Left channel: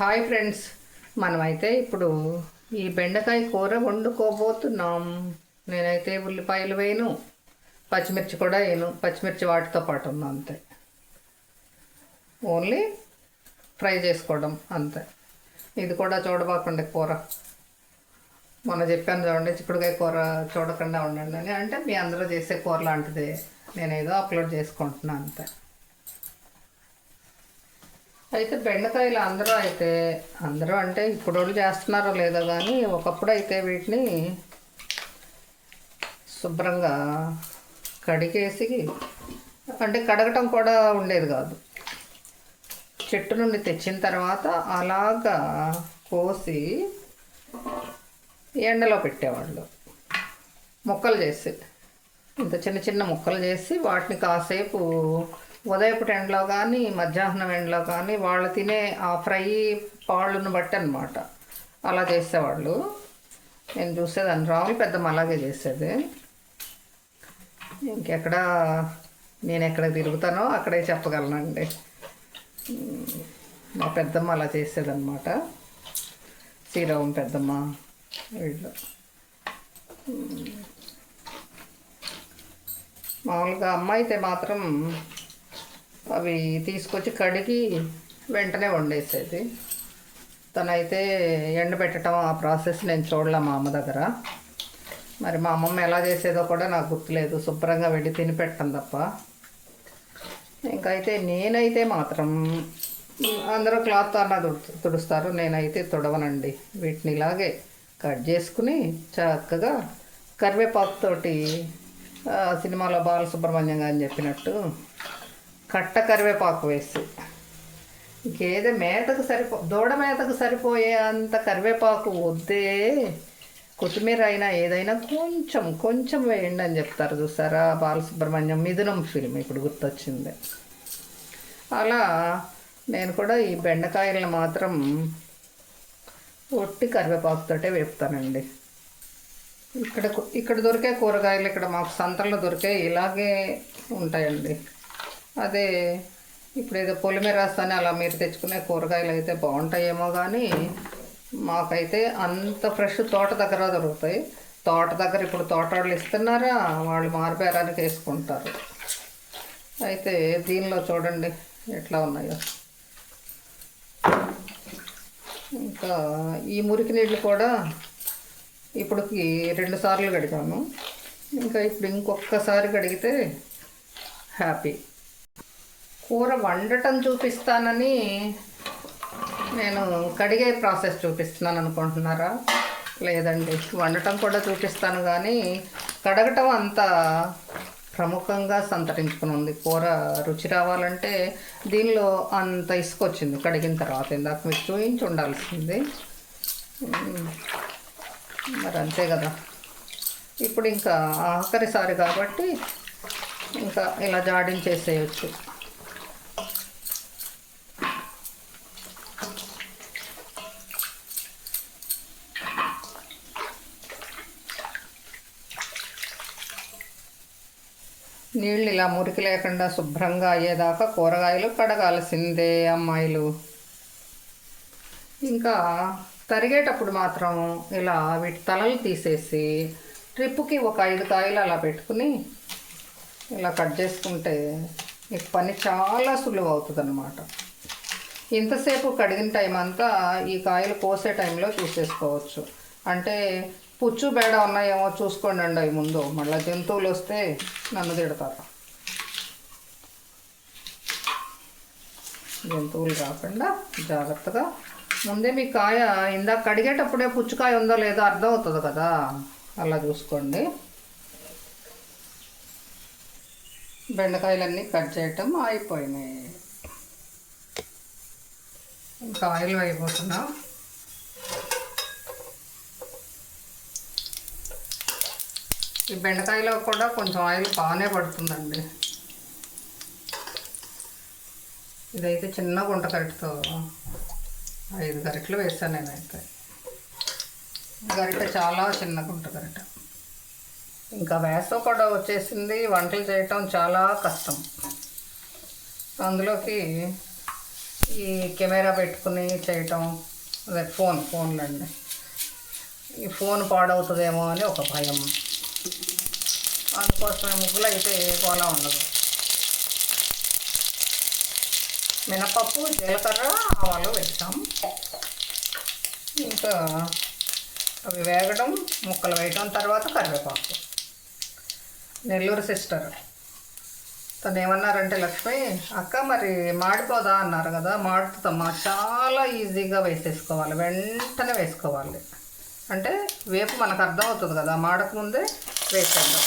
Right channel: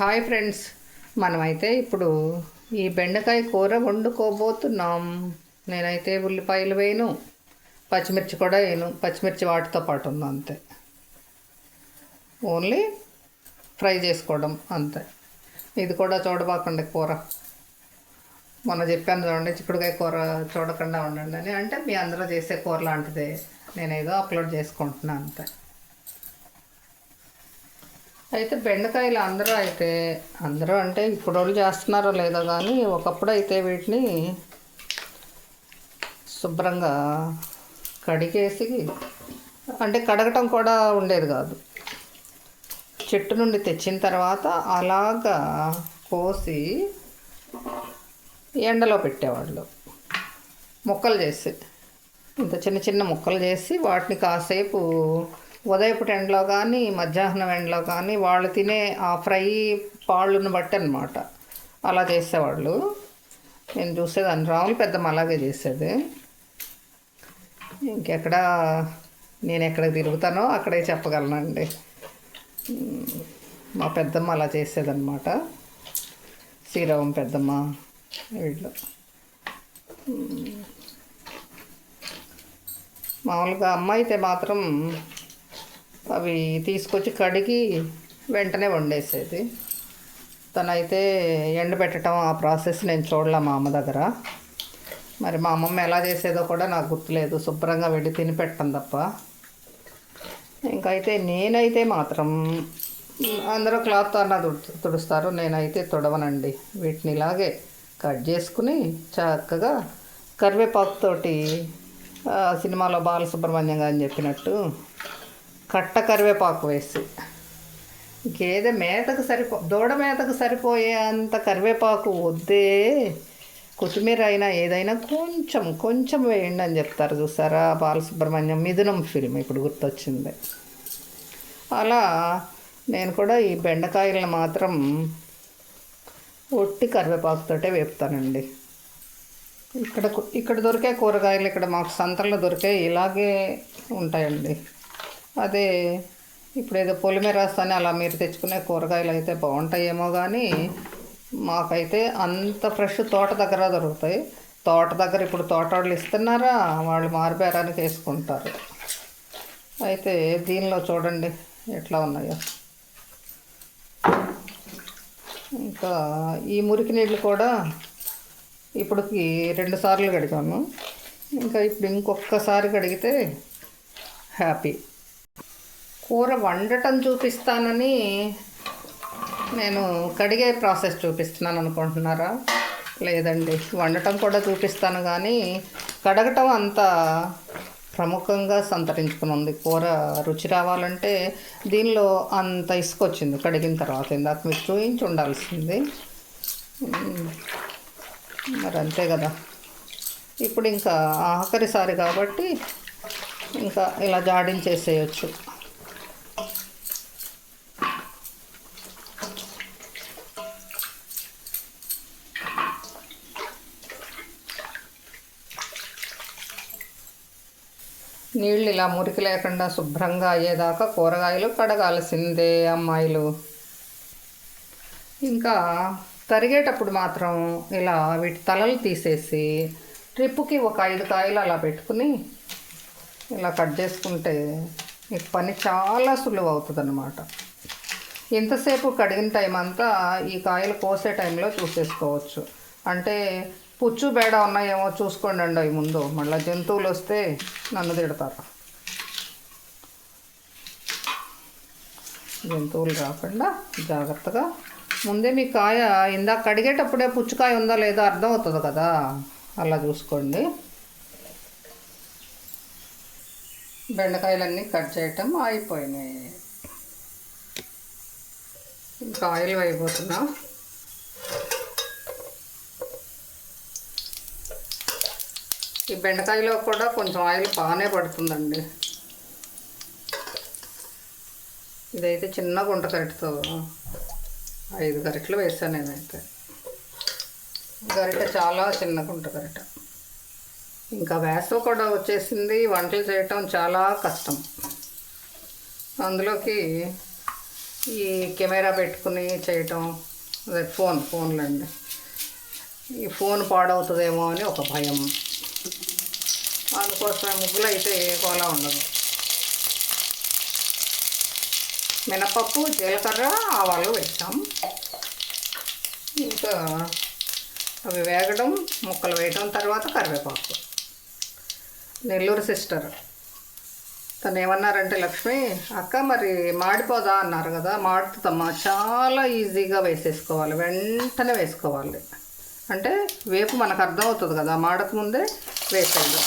Hi friends, మనమైతే ఇప్పుడు ఈ బెండకాయ కూర వండుకోబోతున్నాం. నేనైతే ఉల్లిపాయలు వేయను, పచ్చిమిర్చి కూడా వేయను. పచ్చిమిర్చి వాటితో పాటు ఉంది అంతే. ఓన్లీ ఫ్రై చేసుకోవడం అంతే. ఇది కూడా చూడబాకండి కూర. మొన్న చెప్పాను చూడండి, చిక్కుడుకాయ కూర చూడకుండా ఉండండి అని. అంటే మీ అందరూ చేసే కూర లాంటిదే, నేనేదో అప్లోడ్ చేసుకుంటున్నాను అంతే. అయితే బెండకాయలు అందరూ అంటే ఇప్పుడు వాళ్ళు చేస్తున్నారో లేదో కానీ, ఒకప్పుడు అయితే వీటిని శుభ్రంగా కడిగేసి, అంటే కడగటం కూడా ఉండేది కాదు. చెట్టు నుండి తెచ్చిన తర్వాత అలాగా కోసి ఎండలో పెట్టేవాళ్ళు. ముక్కలు చేసి, ఇంత చిన్న చిన్న ముక్కలు చేసి వాటిని కాసేపు ఉదయపు ఎండలో కానీ మధ్యాహ్నం ఎండలో కానీ వాళ్ళు తినే ఆ ఫ్రై పాళ్ళను బట్టి అనమాట అలా చేసేవాళ్ళు. నేను చూసేదాన్ని, రాములు పెద్దమ్మ అలాగే చేసేది. నేను ఎక్కడ తిరుగుతానో అక్కడే చెప్పగలనండి. మా పెద్దమ్మ అలా చేసేదన్నమాట, శ్రీరామం పెద్దమ్మ వీళ్ళు. మామూలుగా అమ్మ అయితే మాత్రం అవి తీసుకొచ్చి కడిగి వెంటనే వండేసేది. తనైతే ఎండబెట్టడం ఆ ప్రాసెస్ నేను చూడలే మా అమ్మ దగ్గర. మరి మా అమ్మమ్మ ఎలా చేసేదో కూడా నాకు గుర్తులేదు. శుభ్రంగా వెళ్ళి తిని పెట్టడం తప్ప. ఇంకైతే నేనైతే మాత్రం, అందరూ క్లాత్ అన్న తుడుస్తారు, నేనైతే తుడవనండి. వీటిని ఇలాగే కట్ చేసుకుని చక్కగా కరివేపాకుతోటి, సినిమాలో బాలసుబ్రహ్మణ్యం గారు చెప్పినట్టు కట్ట కరివేపాకు వేసి, ఇంకేదో దూడ మేతకు సరిపోయే అంత కరివేపాకు వద్దే, కొత్తిమీర అయినా ఏదైనా కొంచెం వేయండి అని చెప్తారు చూసారా, బాలసుబ్రహ్మణ్యం మిథునం ఫిల్మ్ ఇప్పుడు గుర్తొచ్చింది. అలా నేను కూడా ఈ బెండకాయలను మాత్రం ఒట్టి కరివేపాకుతోటే వేపుతానండి. ఇక్కడ దొరికే కూరగాయలు, ఇక్కడ మాకు సంతల్లో దొరికే ఇలాగే ఉంటాయండి. అదే ఇప్పుడు ఏదో పొలిమేరస్ అని అలా మీరు తెచ్చుకునే కూరగాయలు అయితే బాగుంటాయేమో కానీ, మాకైతే అంత ఫ్రెష్ తోట దగ్గర దొరుకుతాయి. తోట దగ్గర ఇప్పుడు తోట వాళ్ళు ఇస్తున్నారా, వాళ్ళు మారుబేరానికి వేసుకుంటారు. అయితే దీనిలో చూడండి ఎట్లా ఉన్నాయో. ఇంకా ఈ మురికి నీళ్ళు కూడా ఇప్పటికి 2 సార్లు కడిగాము. ఇంకా ఇప్పుడు ఇంకొకసారి కడిగితే హ్యాపీ. కూర వండటం చూపిస్తానని నేను కడిగే ప్రాసెస్ చూపిస్తున్నాను అనుకుంటున్నారా? లేదండి, వండటం కూడా చూపిస్తాను కానీ కడగటం అంత ప్రముఖంగా సంతరించుకుని ఉంది. కూర రుచి రావాలంటే దీనిలో అంత ఇసుక వచ్చింది కడిగిన తర్వాత. ఇందాక మీకు చూపించి ఉండాల్సింది, మరి అంతే కదా. ఇప్పుడు ఇంకా ఆఖరిసారి కాబట్టి ఇంకా ఇలా జాడించేసేయచ్చు. నీళ్ళు ఇలా మురికి లేకుండా శుభ్రంగా అయ్యేదాకా కూరగాయలు కడగాల్సిందే అమ్మాయిలు. ఇంకా తరిగేటప్పుడు మాత్రం ఇలా వీటి తలలు తీసేసి ట్రిప్పుకి ఒక 5 కాయలు అలా పెట్టుకుని ఇలా కట్ చేసుకుంటే మీకు పని చాలా సులువు అవుతుంది అన్నమాట. ఇంతసేపు కడిగిన టైం అంతా ఈ కాయలు కోసే టైంలో చూసేసుకోవచ్చు. అంటే పుచ్చు బేడ ఉన్నాయేమో చూసుకోండి అండి అవి ముందు, మళ్ళీ జంతువులు వస్తే నన్ను తిడతారు. జంతువులు రాకుండా జాగ్రత్తగా ముందే మీ కాయ ఇందాక కడిగేటప్పుడే పుచ్చుకాయ ఉందో లేదో అర్థం అవుతుంది కదా, అలా చూసుకోండి. బెండకాయలన్నీ కట్ చేయటం అయిపోయినాయి. ఇంకా ఆయిల్ అయిపోతున్నా. ఈ బెండకాయలో కూడా కొంచెం ఆయిల్ బాగానే పడుతుందండి. ఇదైతే చిన్న గుంట గరిటతో 5 గరిటెలు వేసాను నేనైతే. గరిటె చాలా చిన్న గుంట గరిట. ఇంకా వేసవి కూడా వచ్చేసింది, వంటలు చేయటం చాలా కష్టం. అందులోకి ఈ కెమెరా పెట్టుకుని చేయటం, అదే ఫోన్లండి, ఈ ఫోన్ పాడవుతుందేమో అని ఒక భయం. అందుకోసమే ముగ్గులు అయితే కోలా ఉండదు. మినపప్పు, జీలకర్ర, ఆవాలు వేస్తాం. ఇంకా అవి వేగడం, ముక్కలు వేయడం, తర్వాత కరివేపాకు. నెల్లూరు సిస్టర్ తను ఏమన్నారంటే, లక్ష్మి అక్క మరి మాడిపోదా అన్నారు కదా. మాడుతుందమ్మా, చాలా ఈజీగా వేసేసుకోవాలి, వెంటనే వేసుకోవాలి. అంటే వేపు మనకు అర్థమవుతుంది కదా, మాడకముందే వేసేయాలి.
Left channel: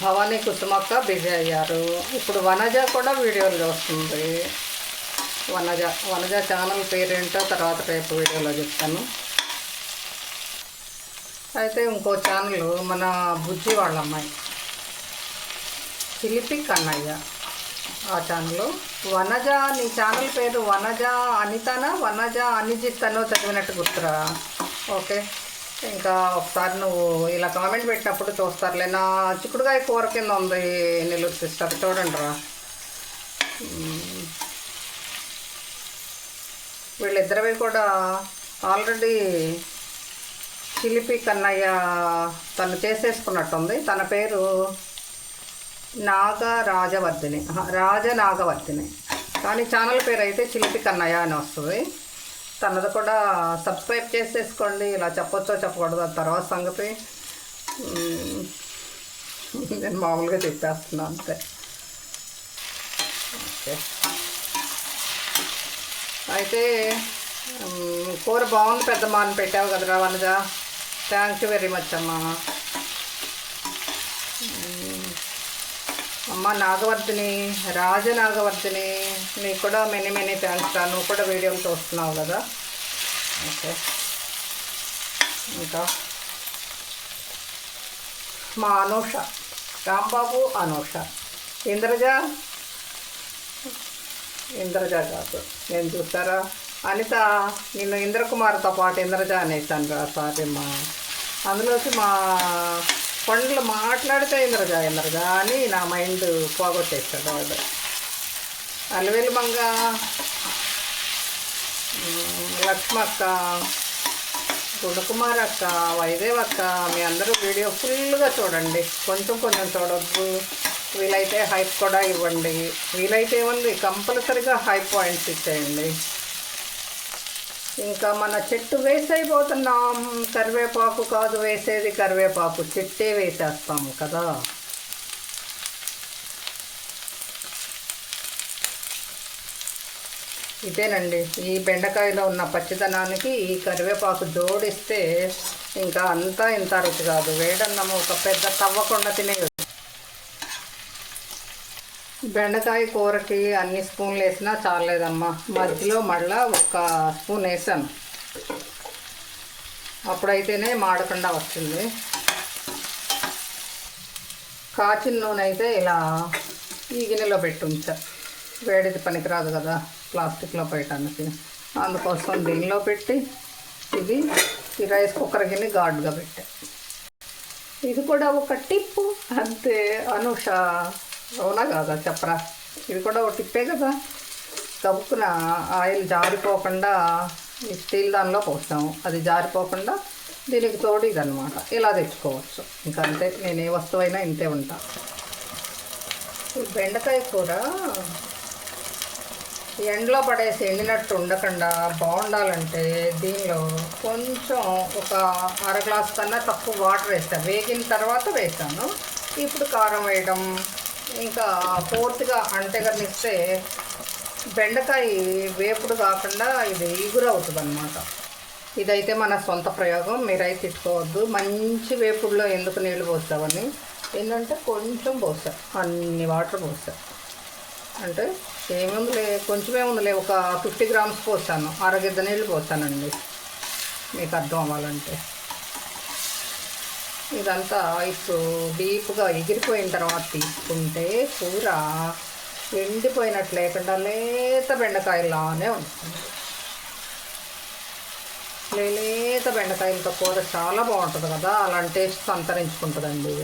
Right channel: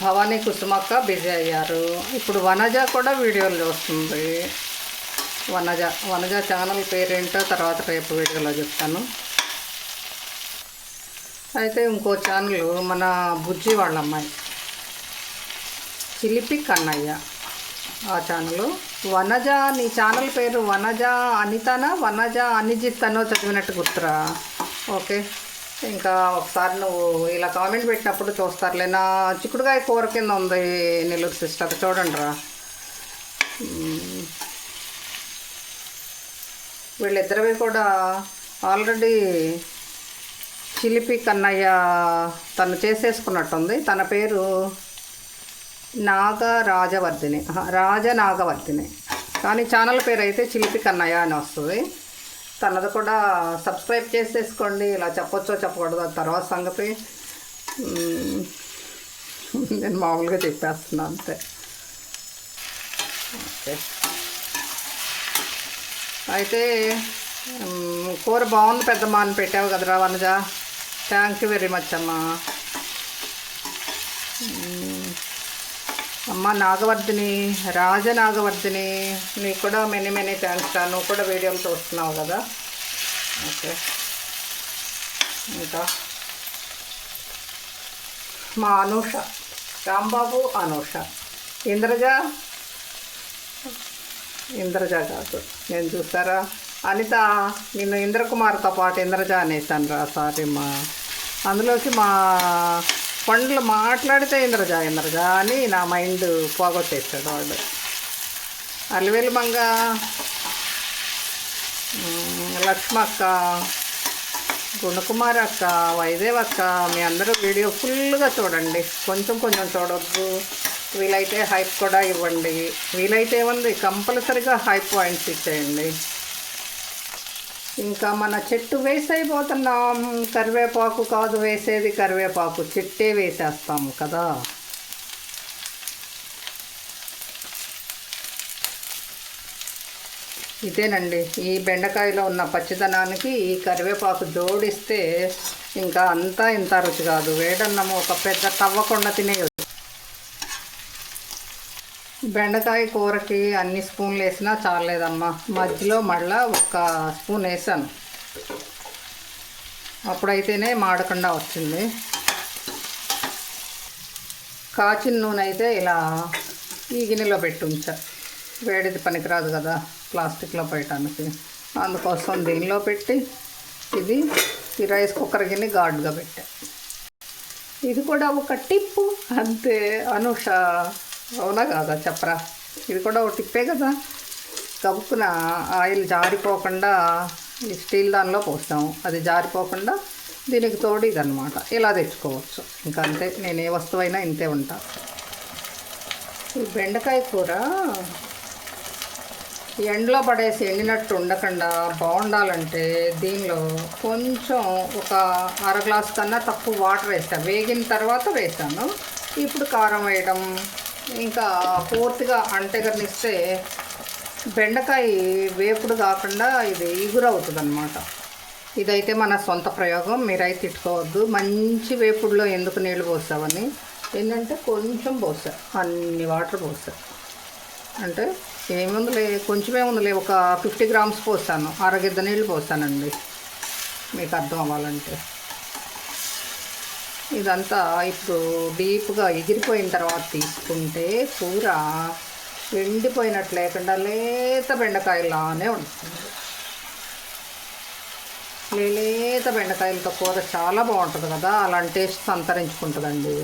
భవానీ కుసుమక్క బిజీ అయ్యారు. ఇప్పుడు వనజ కూడా వీడియోలు చూస్తుంది. వనజ ఛానల్ పేరేంటో తర్వాత రేపు వీడియోలో చెప్తాను. అయితే ఇంకో ఛానల్ మన బుజ్జి వాళ్ళ అమ్మాయి చిలిపి కన్నయ్య, ఆ ఛానల్. వనజ, నీ ఛానల్ పేరు వనజ అనితనా, వనజ అనిజిత్ అనో చదివినట్టు గుర్తురా? ఓకే, ఇంకా ఒకసారి నువ్వు ఇలా కామెంట్ పెట్టినప్పుడు చూస్తారులే. నా చిక్కుడుకాయ కూర కింద ఉంది నెల్లూరు సిస్టర్, చూడండి రా. వీళ్ళిద్దరివి కూడా ఆల్రెడీ చిలిపి కన్నయ్య తను చేసేసుకున్నట్టుంది. తన పేరు రాజనాగవర్ధిని, కానీ ఛానల్ పేరు అయితే చిలిపి కన్నయ్య అని వస్తుంది. తనది కూడా సబ్స్క్రైబ్ చేసేసుకోండి. ఇలా చెప్పొచ్చో చెప్పకూడదు అది తర్వాత సంగతి. నేను మామూలుగా చెప్పేస్తున్నాను అంతే. అయితే కూర బాగుంది పెద్దమ్మ అని పెట్టావు కదరా Vanaja, thank you very much అమ్మా. అమ్మ నాగవర్ధిని, రాజనాగవర్ధిని, నీకు కూడా మెనీ థ్యాంక్స్. నువ్వు కూడా వీడియోలు చూస్తున్నావు కదా. ఓకే, ఇంకా మా అనూష, రాంబాబు, అనూష, ఇంద్రజ కాదు, నేను చూసారా అనిత, నిన్న ఇంద్రకుమార్తో పాటు ఇంద్రజ అనేసాను రా, సారీ మా. అందులోకి మా పండ్లు మాట్లాడితే ఇంద్రజ అని నా మైండ్ పోగొట్టేస్తాడు వాడు. అలివేలి మంగ, లక్ష్మక్క, గుణకుమారి అక్క, వైదేవ్ అక్క, మీ అందరూ వీడియో ఫుల్గా చూడండి, కొంచెం చూడొద్దు. వీలైతే హైప్ కూడా ఇవ్వండి. వీలైతే ఉంది కంపల్సరీగా హైప్ పాయింట్స్ ఇచ్చేయండి. ఇంకా మన చెట్టు వేస్ట్ అయిపోతున్నాం. కరివేపాకు కాదు వేసేది, కరివేపాకు చెట్టే వేసేస్తాము కదా. ఇదేనండి, ఈ బెండకాయలో ఉన్న పచ్చిదనానికి ఈ కరివేపాకు జోడిస్తే ఇంకా అంతా ఇంత రుచి కాదు. వేడన్నము ఒక పెద్ద తవ్వకుండా తినేది. బెండకాయ కూరకి అన్ని స్పూన్లు వేసినా చాలేదమ్మా. మధ్యలో మళ్ళీ ఒక స్పూన్ వేసాను, అప్పుడైతేనే మాడకుండా వచ్చింది. కాచిన నూనె అయితే ఇలా ఈ గిన్నెలో పెట్టి ఉంచా, వేడిది పనికిరాదు కదా ప్లాస్టిక్లో పెట్టడానికి. అందుకోసం దీనిలో పెట్టి ఇది ఈ రైస్ కుక్కర్ గిన్నె గాడ్గా పెట్టా. ఇది కూడా ఒక టిప్పు అంతే. అనూష అవునా కాదా చెప్పరా? ఇది కూడా ఒక టిప్పే కదా. కప్పున ఆయిల్ జారిపోకుండా ఈ స్టీల్ దానిలో పోస్తాము, అది జారిపోకుండా దీనికి తోడు ఇదనమాట. ఇలా తెచ్చుకోవచ్చు, ఇంకా అంతే. నేను ఏ వస్తువైనా ఇంతే ఉంటా. ఈ బెండకాయ కూర ఎండలో పడేసి ఎండినట్టు ఉండకుండా బాగుండాలంటే దీనిలో కొంచెం ఒక అర గ్లాస్ కన్నా తక్కువ వాటర్ వేస్తాను. వేగిన తర్వాత వేసాను. ఇప్పుడు కారం వేయడం, ఇంకా పూర్తిగా అంటెగనిస్తే బెండకాయ వేపుడు కాకుండా ఇది ఇగురవుతుంది అన్నమాట. ఇదైతే మన సొంత ప్రయోగం, మీరైతే తిట్టుకోవద్దు. మంచి వేపుడులో ఎందుకు నీళ్ళు పోసావని, ఏంటంటే కొంచెం పోసా, అన్ని వాటర్ పోసా. అంటే ఏముందిలే, కొంచెమే ఉందిలే, ఒక 50 గ్రామ్స్ పోసాను, అరగిద్ద నీళ్ళు పోసానండి, మీకు అర్థం అవ్వాలంటే. ఇదంతా ఇప్పుడు డీప్గా ఎగిరిపోయిన తర్వాత తీసుకుంటే కూర ఎండిపోయినట్టు లేకుండా లేత బెండకాయలానే ఉంటుంది. లేత బెండకాయలతో కూర చాలా బాగుంటుంది కదా, అలాంటి టేస్ట్ సంతరించుకుంటుందండి.